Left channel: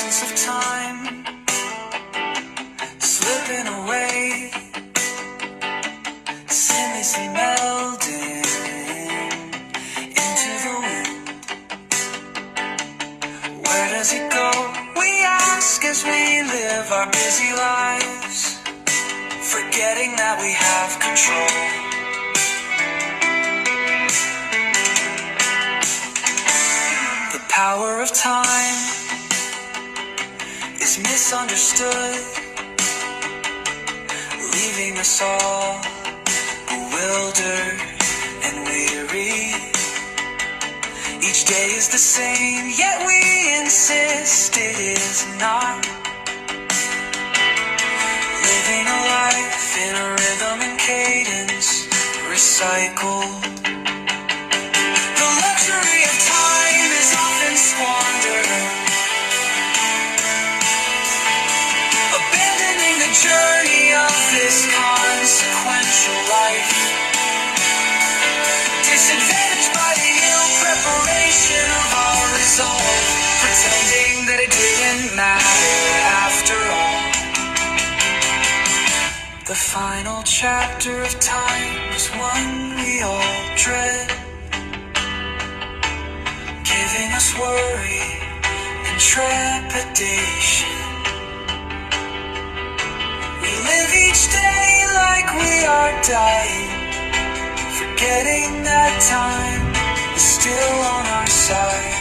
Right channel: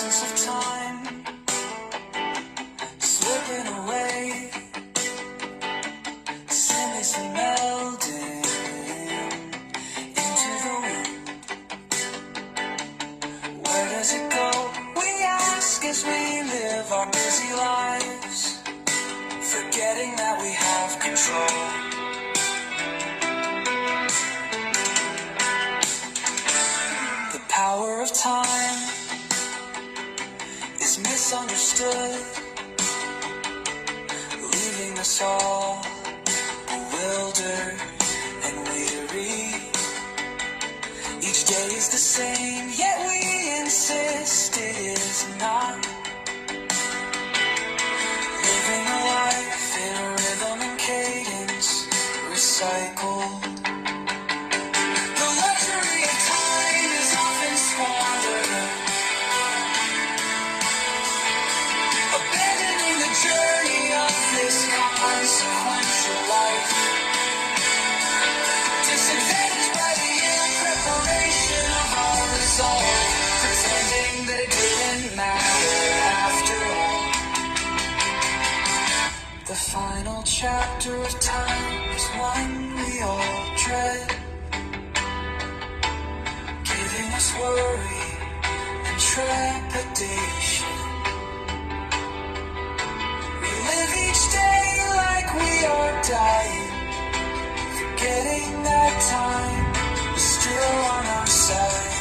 essence of time slipping away, seamlessly melding into the wind. Where does it go? We ask as we live our busy lives, forgetting that we have control. The power of time is misunderstood, leaving us all bewildered and weary. Each day is the same, yet we insist it is not. Living a life in a rhythm and cadence, recycled. The luxury of time is often squandered, abandoning the journey of this consequential life. Disadvantaged by the ill preparation of our resolve, pretending that it didn't matter after all. The final chapter of time is one we all dread, giving us worry and trepidation. We live each day like we are dying, forgetting that time is still on our side.